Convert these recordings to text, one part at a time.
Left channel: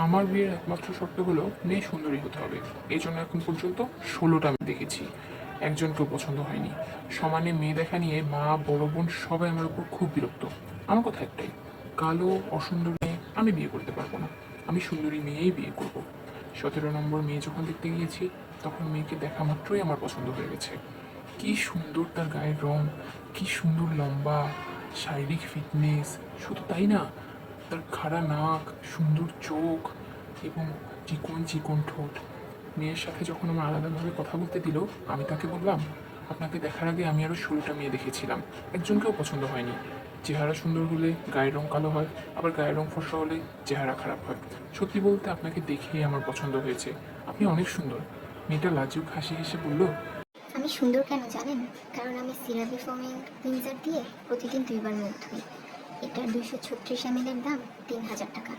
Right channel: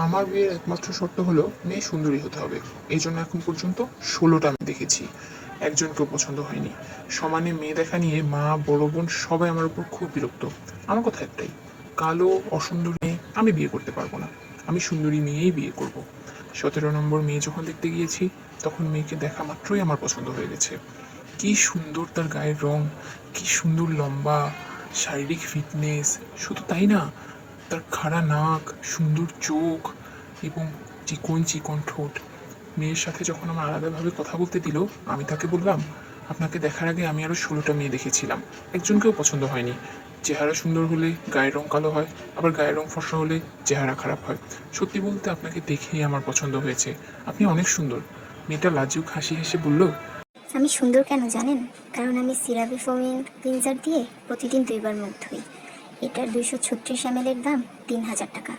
আমার বিয়ের একমাত্র শর্ত হলো মেয়ে সুন্দরী হতে হবে। এই জন্য এখন পর্যন্ত 16টা আমি দেখেছি, একজনকেও পছন্দ হয়নি। সমানে মেয়ে দেখা নিয়ে মা, বড় বোন সবাই আমার উপর খুব বিরক্ত। আমার কথা একটাই, কালো অসুন্দরী মেয়ে আমি বিয়ে করতে পারবো না। আমি সুন্দরী মেয়েই বিয়ে করব। 17 নম্বর মেয়ে যখন দেখতে গিয়েছি, তখন মেয়েকে দেখা মাত্রই আমার পছন্দ হয়ে গেছে। কি সুন্দর তার গায়ের রং, কি সুন্দর লম্বা, শারীরিক ফিটনেস। শুধু তাই না, তার খাড়া নাক, সুন্দর চোখ এবং চিকন চিকন ঠোঁট। মেয়ের সাথে যখন আমার আলাদাভাবে কথা বলতে দিল, আমি তাকে বললাম, আপনাকে দেখার আগে আমি আরও 16টা মেয়ে দেখেছিলাম, একজনকেও পছন্দ হয়নি। চেহারা সুন্দর হলে গায়ের রং কালো হয়, আবার গায়ের রং ফর্সা হলে চেহারা খারাপ হয়। সত্যি বলতে আপনাকে দেখেই আমার পছন্দ হয়েছে, আপনি অনেক সুন্দর। মেয়েটা লাজুক হাসি হেসে বলল, আমি সুন্দর কেন জানেন? কারণ আমি সিরাপি ফোমিং ক্লিনজার দিয়ে প্রতিদিন 2বার মুখ ধুই। এটার 236 ml এর দাম 3000 টাকা।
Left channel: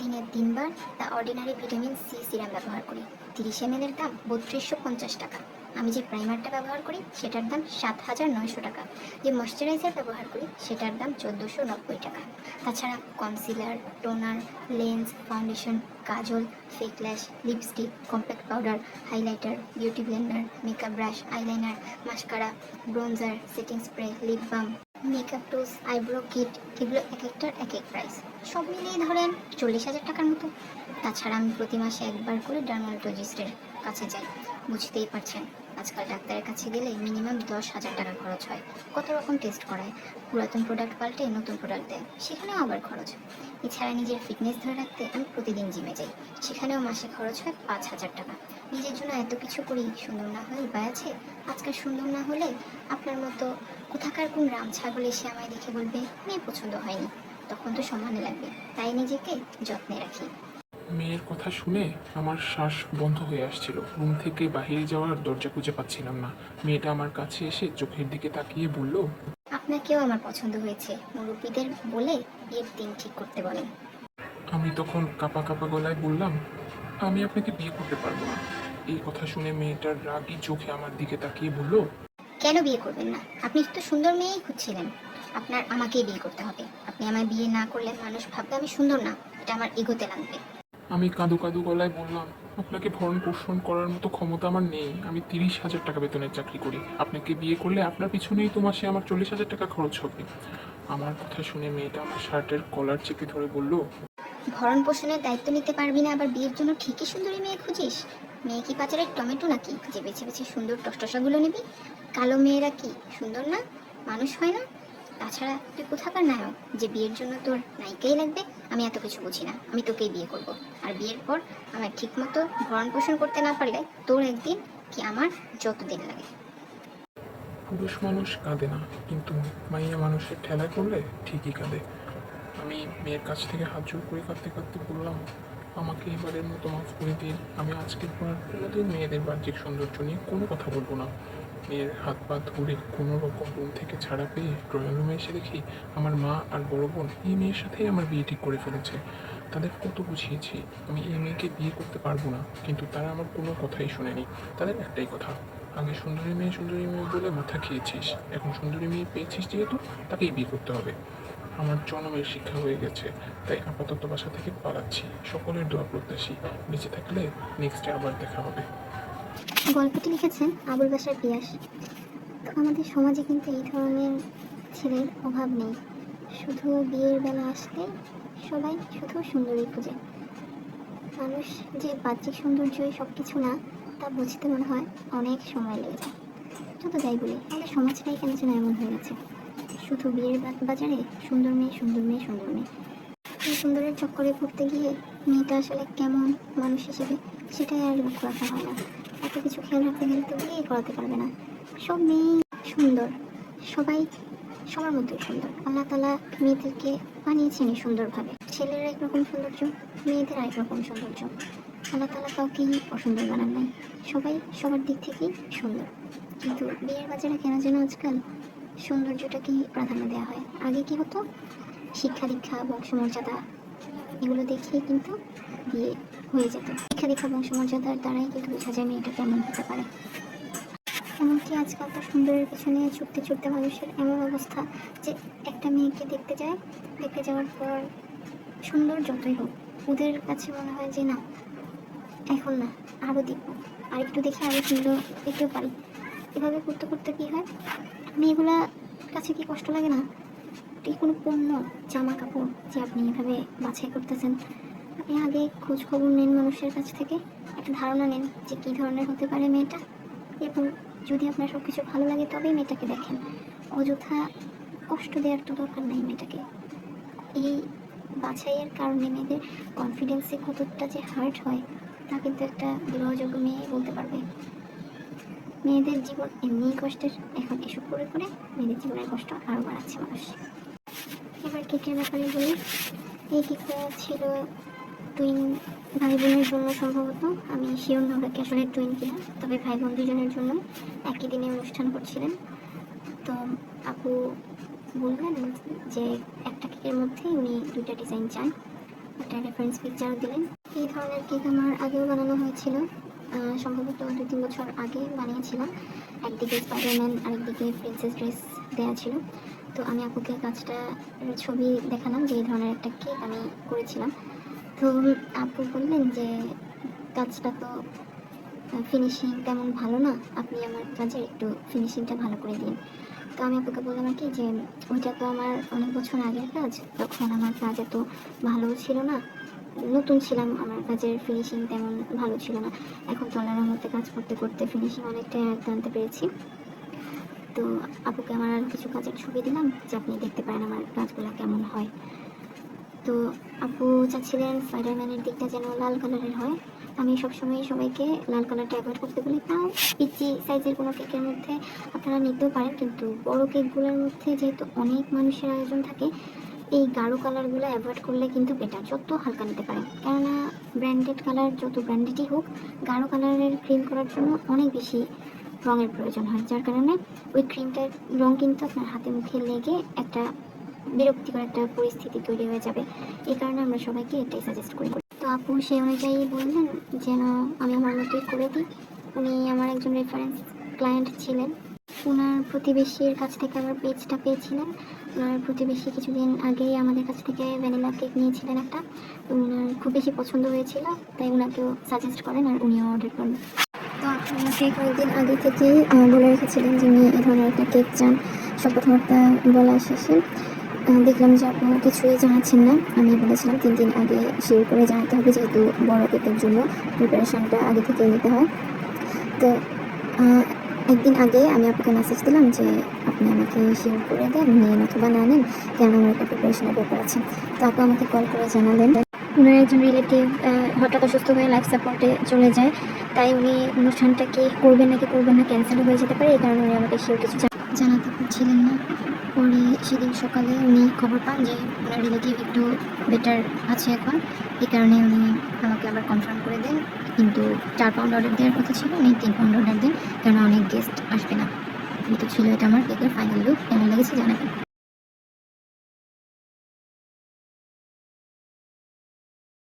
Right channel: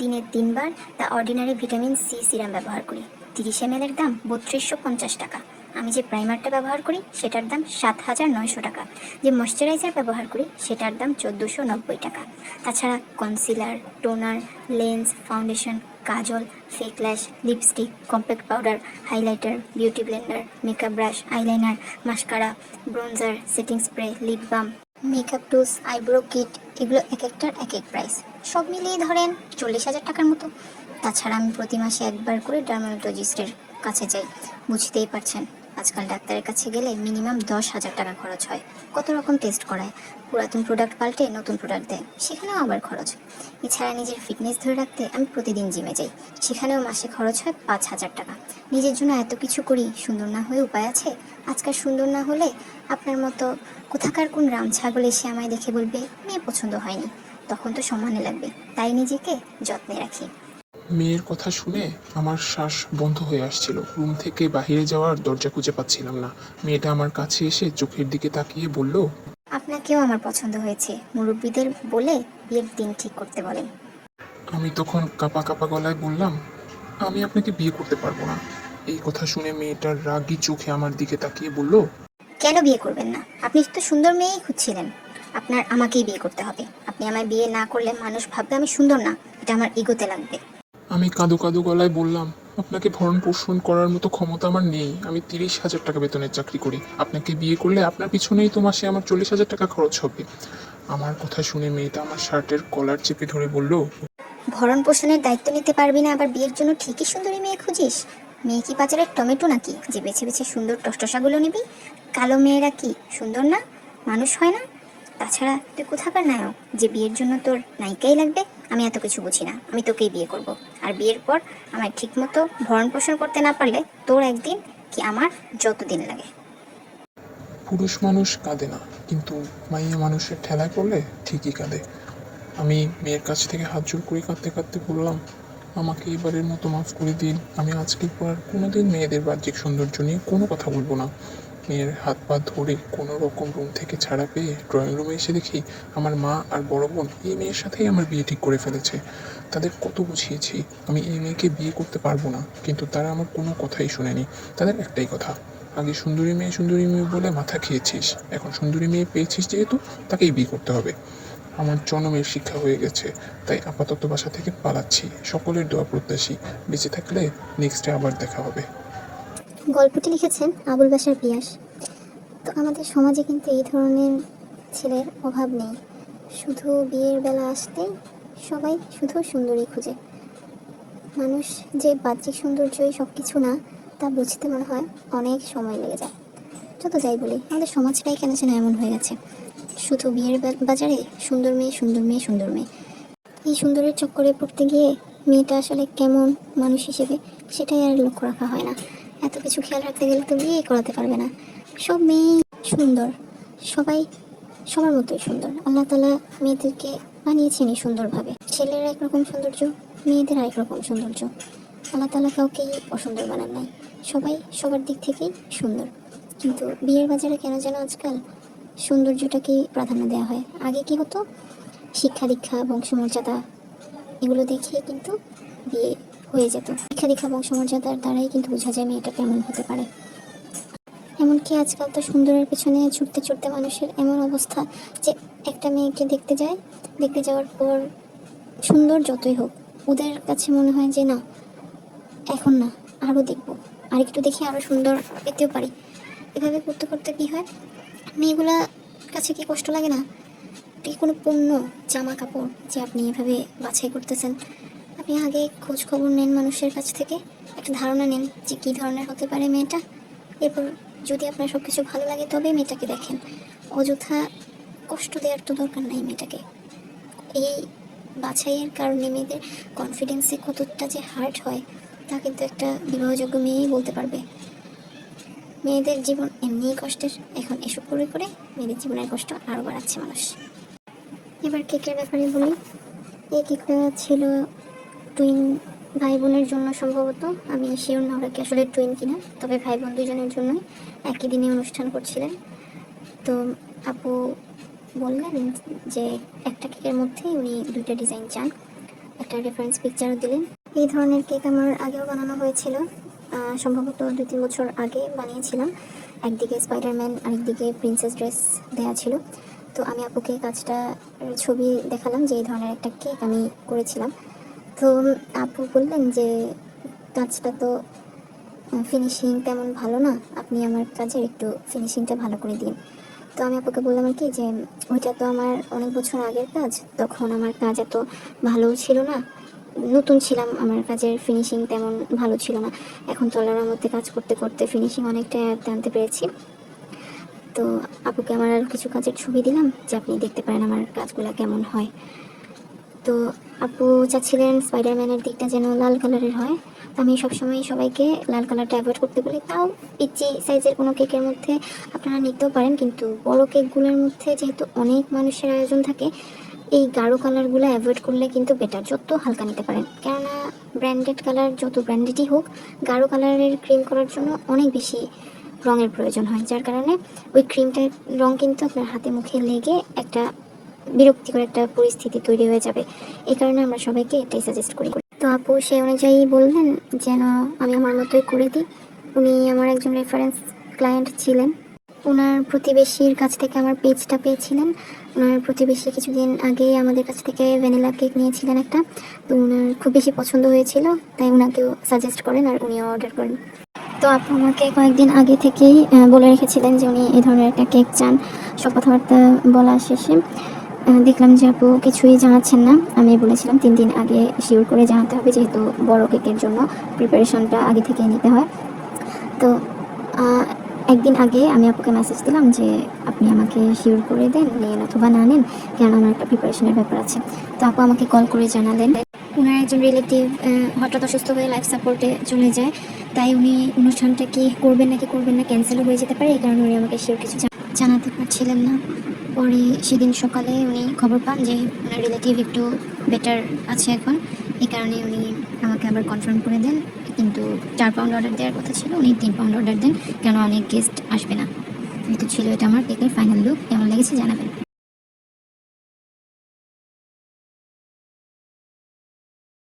দিনের 3বার the ordinary vitamin C serum ব্যবহার করি। 30 ml এর দাম 3250 টাকা। আমি যে প্রাইমারটা ব্যবহার করি সেটার দাম 7900 টাকা। যে ময়শ্চারাইজার ব্যবহার করি সেটার দাম 1490 টাকা। তাছাড়া concealer, toner, lens, foundation, kajal, fake lash, lipstick, compact powder, highlighter, beauty blender, makeup brush, eyeliner, mascara, bronzer, setting spray, lip balm, makeup tools, eyebrow kit, এগুলো এক একটার এক এক প্রাইস। সব মিলিয়ে ধরেন 40,000 টাকার মতো। তাছাড়া আমি প্রতি মাসে একবার করে ডার্মাটোলজিস্টের কাছে যাই। বুঝতেই পারছেন, আজকাল ডাক্তারের কাছে গেলে মিনিমাম 10,000 টাকা খরচ হয়। কত রকম টেস্ট করায়, পুরাতন প্রোডাক্ট পাল্টে নতুন প্রোডাক্ট দেয়, সেখানেও আবার খরচ। এছাড়া নিজের ফিটনেস ধরে রাখতে আমি প্রতিদিন জিমে যাই, সেখানেও মাসে খরচ হয় 5,000 টাকা। নিজের জন্য এত কিছু করি, সুন্দর না হয়ে উপায় আছে? আজকাল সুন্দর না হলে আপনার মতো কোথাকার কোন রাম ছাগল এসে আমায় দেখে বলবে মেয়ে পছন্দ হয়নি, তখন তো সম্মানে লাগবে। তাই নিজেকে যত্নে রাখি। মেয়ের কথা শুনে আমার শ্বাস বন্ধ হয়ে আসছিল, রুম থেকে বাহিরে যাওয়ার দরজা খুঁজে পাচ্ছিলাম না। মেয়েটা আমার কাছে এসে চোখের দিকে তাকিয়ে বলল, আপনাকেও আমার পছন্দ হয়েছে, মুরব্বীদের বলে বিয়ের দিন ঠিক করতে বলেন। আমি তখন কাঁপা কাঁপা গলায় বললাম, আমি আপনাকে বিয়ে করতে পারবো না। এই কথা শুনে মেয়েটার রাগী চোখে আমার দিকে তাকিয়ে বলল, কেন বিয়ে করবেন না? আপনি তো সুন্দর মেয়েই খুঁজছিলেন। আপনার আমাকেই বিয়ে করতে হবে। আপনি আমায় বিয়ে না করলে মানুষ ভাববে আমি সুন্দর না, এটা আমার ইগোতে লাগবে। আমি কাঁদো কাঁদো গলায় বললাম, আপনাকে ভরণ পোষণ করার মতো ক্ষমতা আমার নেই। আমি 30,000 টাকা বেতনের চাকরি করি। আপনাকে বিয়ে করলে আপনার পিছনেই তো মাসে আমার 40,000 টাকা খরচ হবে। আমার কথা শুনে মেয়েটা আমার শার্টের কলার চেপে ধরে বলল, ভরণ পোষণের দায়িত্ব নিতে পারবি না, আবার বিয়ের জন্য ঠিকই সুন্দরী মেয়ে খুঁজিস? মেয়ে কি বাজারের টমেটো নাকি যে বেছে বেছে সুন্দর টসটসাগুলো নিবি? কালো মেয়েরা কি সুন্দর না, মানুষ হয় না? তাছাড়া তুই কোথাকার নায়ক যে বিয়ের জন্য তোর নায়িকাই লাগবে? আমি এত কিছু বুঝি না, আমি তোকেই বিয়ে করব। আর বিয়ের পর আমায় ঠিক মতো ভরণ পোষণ করতে না পারলে তোর একদিন কি আমার যতদিন লাগে। পুরুষ মানুষ কাঁদে না, কিন্তু মাইয়া মানুষের ঠেলায় পড়লে ঠিকই কাঁদে। আমি মেয়ের কাছ থেকে হাত জোড় করে কাঁদতে কাঁদতে বললাম, আমাকে এবারের মতো মাফ করে দিন। আমি আজকের পর কোনোদিন মেয়েদের বাহ্যিক সৌন্দর্য নিয়ে কোনো কথা বলবো না। মেয়ের হাত পা ধরে কোনো রকম রুম থেকে ছাড়া পেয়ে ড্রয়িং রুমে এসে দেখি আমার মা আর বড় বোন এই মেয়ের সাথেই আমার বিয়ে ঠিক করে ফেলেছে। তাদের কত বুঝিয়েছি আমি এই মেয়েকে বিয়ে করতে পারবো না, কিন্তু তারা আমার কোনো কথাই শোনেনি। তাদের একটাই কথা, আগে সুন্দরী মেয়ে বলে মাথা খেয়েছিস, এখন সুন্দরী মেয়ে পেয়েছিস যেহেতু তাকেই বিয়ে করতে হবে। আমার জন্মের শিক্ষা হয়ে গেছে, তাই আপাতত বাসা থেকে পালাচ্ছি। সকলের দোয়া প্রত্যাশী, বেঁচে থাকলে নেক্সটে আবার দেখা হবে। গল্পটি লিখেছেন আবুল বাশার পিয়াস। তো আমাদের সমাজে কিন্তু এই ধরনের ছেলের অভাব নেই। শুধু বিয়ের বেলা আসতেই সবাই শুধু সুন্দরী খুঁজে। মানুষ যে বাহ্যিক সৌন্দর্যই সব কিছু না, তা বুঝতে মনে হয় অনেক সময় লেগে যায়। যত যাই বলি, আমাদের সমাজটাই কেন যেন এমন হয়ে গেছে, শুধু বিয়ের বাজারে সুন্দর মেয়ে, সুন্দর মেয়ে, সুন্দর মেয়ে। এই সুন্দরের চক্করে পড়তে গিয়ে মেয়েটা আসলে কেমন মানুষ হিসেবে সেটাই আর লক্ষ্য রাখা হয় না। এত কিছু খেয়াল রাখতে গেলে তো বিয়েই করাতে পারবে না। সব মেয়েই সুন্দর, সবাই সবার মধ্যেই সুন্দর। আল্লাহ তাআলা মেয়েদেরকে বানিয়েছেন সুন্দরভাবে। ছেলেরা একরকম সৌন্দর্য, মেয়েদের আরেক রকম সৌন্দর্য। আল্লাহ তাআলা কাউকেই অসুন্দর বানান নাই, সবাই সবার দিক থেকেই সুন্দর। কিন্তু বিয়ের বাজারে কেন যেন আজকাল সৌন্দর্যটাকেই প্রাধান্য দেওয়া হয়। আগে কি হতো, শিক্ষা দীক্ষা, বংশমর্যাদা, এগুলো দেখিয়ে কিন্তু বিয়ে হয়ে যেত। শিক্ষা দীক্ষা, বংশমর্যাদার দ্বারাই কিন্তু বোঝা যায় মেয়েটা কেমন হতে পারে। এমনকি আজকাল তো সুন্দরের পেছনে ছুটতে ছুটতে মানুষের এমন অবস্থা যে একটা মেয়েকে দেখতে যায়, দেখতে যাওয়ার পর সুন্দর যতই হোক, ওদের কাছে মনে হয় যে না, এখন না, আরও দেখবো, আর একটু দেখে আরও সুন্দর পেতেও পারি। এভাবে করতে করতে কী হয়, মেয়েগুলা কাছে কি কষ্ট লাগে না? এটি কোনো পণ্য, জামা কাপড় যে আপনি এভাবে বাছাই করতেছেন। আপনি আগে খোঁজ খবর নেন মানুষের কাছ থেকে, একটা ধারণা নেন যে কী ধরনের হতে পারে মেয়েটা। এরপর যদি আপনার সব কিছু ভালো লাগে তবেই মেয়েটাকে দেখেন। অযথা কষ্ট দেওয়ার তো দরকার নাই মেয়েটাকে। এই বাছাইয়ের কারণে মেয়েদের কনফিডেন্সে কতটা যে হার্ট হয় তা কিন্তু একটা বিবাহযোগ্য মেয়েই বলতে পারবে। মেয়েদের জীবন এমনিই কষ্টের, এখন এসব করে করে মেয়েদের জীবনের কষ্ট আরও বাড়াচ্ছে মানুষ। এবার কেকের ব্যাপারে বলি, এই কেকটা ছিল টুইন ভাই বোনের জন্য সম্ভবত, আমি শিওর না ওরা কি আসলে টুইন কিনা, তবে ভাই বোন দুজনের জন্য একই দিনে অনুষ্ঠান করছিলেন। তো আপু বললেন যে একটা কেকের মধ্যেই উনি দুইটা ডিজাইন চান, একটা রেফারেন্স পিকচারও দিলেন। এই ধরনের কেক আমার আগেও বানানো হয়েছিল, সম্ভবত 2-3 বছর আগে বানিয়েছিলাম। একদিকে স্পাইডারম্যান আর একদিকে প্রিন্সেস ড্রেস দেওয়া ছিল। তো আমি আপুকে কাজটা ছবি দেখালাম যে এই ধরনের একটা কেক আমি করেছিলাম। তো আপু বললেন যে কাজটা তো ফিনিশিং তেমন ভালো না, আপনি আমার কাজের একটু ফিনিশিংটা ভালো করে দিন। তো আমি আপুকে বললাম আর কি যে ওইটা তো আমার অনেক বছর আগের কাজ, তখন আমার কাজ এত ভালো ছিল না, নতুন ছিলাম, আমার কাজের ফিনিশিং তেমন ভালো ছিল না। এখন তো আল্লাহর রহমতে কাজ করতে করতে ফিনিশিং অনেকটা আনতে পেরেছি। তো আপুকে আমার আর কিছু কাজের ছবি দিলাম যে আপনি দেখতে পারেন আমার কাজগুলো কেমন হয়। তো আপু চাচ্ছিলেন স্পাইডারম্যানের দিকটা যেন লাল কালারের হয়। তো আমি সবসময় সবাইকে লাল কালারটা অ্যাভয়েড করতে বলি। তাও পিচি সাইজের কোনো কেকের মধ্যে আপনারা নিতেও পারেন, কিন্তু বড় কেকগুলোর মধ্যে যেহেতু অনেক মানুষের আয়োজন থাকে, এই গাঢ় কালারগুলো অ্যাভয়েড করলে কিন্তু বেটার, যত হালকা নিতে পারেন। কেননা ব্র্যান্ডেড কালার যত ব্র্যান্ডেডই হোক, গাঢ় কালারের ক্রিম করার জন্য অনেক বেশি রঙের প্রয়োজন হয়, যার কারণে ওই ক্রিমটার রঙ কিন্তু আপনার হাতে মুখে লেগে একটা বিরক্তিকর একটা পরিস্থিতি তৈরি হয়ে যাবে। এই কারণে আমরা সবাইকে এটাই সাজেস্ট করি। তো আপু সেই অনুযায়ী বললেন যেন আমি আমার মতোই করে দিই। উনি আমার একজন রেফারেন্স ক্লায়েন্ট ছিলেন, ওনার প্রতিবেশীর কাছ থেকে আমার পেজটা পেয়েছিলেন। ওনার প্রতিবেশী কিছুদিন আগেই আমাদের কাছ থেকে ভ্যানিলা কেক নিয়েছিলেন একটা, তো ওনার খুব বেশি পছন্দ হয়েছিল, তাই ওনাকেও সাজেস্ট করেন আর উনিও অর্ডার করেন। তো আপু আমাকে কয়েকদিন আগে থেকেই বলে রেখেছিলেন যে উনি এই ধরনের একটা কেক চান। সব কথাবার্তা বলা শেষে দেখলাম যে আপু কিছুই জানাচ্ছেন না। আমি বলেছিলাম 3 দিন আগে শিওর করে জানাতে হবে, যেহেতু বড় কেকের জন্য প্রিপারেশনটা আগে থেকে নিতে হয়। তো একদিন আগে আমি আপুকে মেসেজ দিলাম যে আপনি আমাকে শিওর করে দেন, নেন অথবা না নেন, কেন আমার একটা প্রিপারেশনের ব্যাপার আছে। তো আপু আমাকে কল করে জানালেন ওনার একজন রিলেটিভ হঠাৎ অসুস্থ হয়ে লাইফ সাপোর্টে চলে যায়, তাই উনি অনুষ্ঠানটা কি করবেন নাকি করবেন না ক্যান্সেলও হয়ে যেতে পারে, এই কারণে উনি আমাকে শিওর কিছু জানাতে পারছিলেন না। পরে সেদিন সকালে উনি খবর পান যে ওনার রিলেটিভ একটু বেটার আছে এখন, এই কারণে উনি আমাকে আবার কনফার্ম করে দেন। কিন্তু 4 পাউন্ড অর্ডার দেওয়ার কথা ছিল, উনি 3 পাউন্ড অর্ডার দেন, কেন অনেক গেস্ট আসবে না। কিন্তু ছিল এটা আমার কেকের ফাইনাল লুক। কেমন লেগেছে জানাবেন।